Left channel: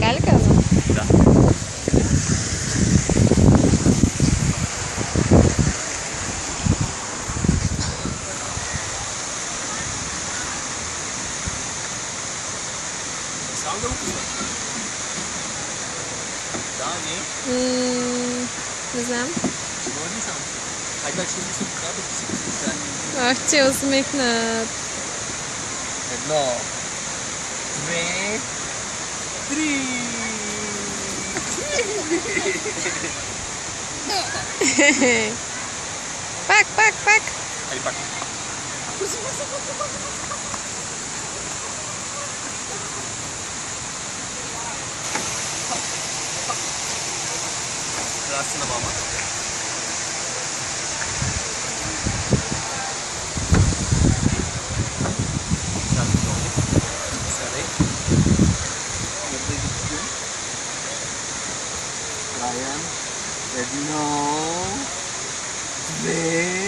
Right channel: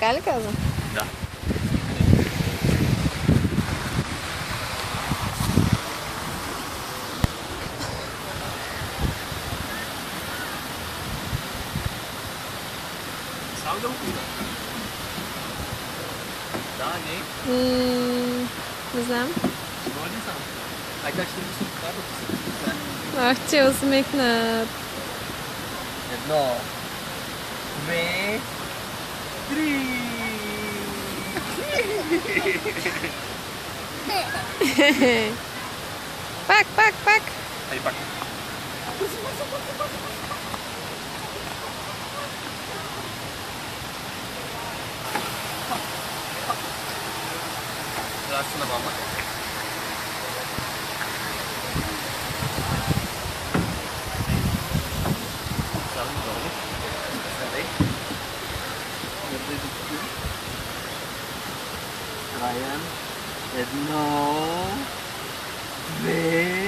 Geil casa. Da. Salga o clima. Da, nie? Не знам. Сигурен съм. Айде, ще ми се покажа, да се покажа. Ах, че усмихнат. Едно, две, три. Пак, пак, пак. Айде пак. Здрасти на мама. Сядай долу. Сядай. Мърдай докато. Райан. Едно. Две.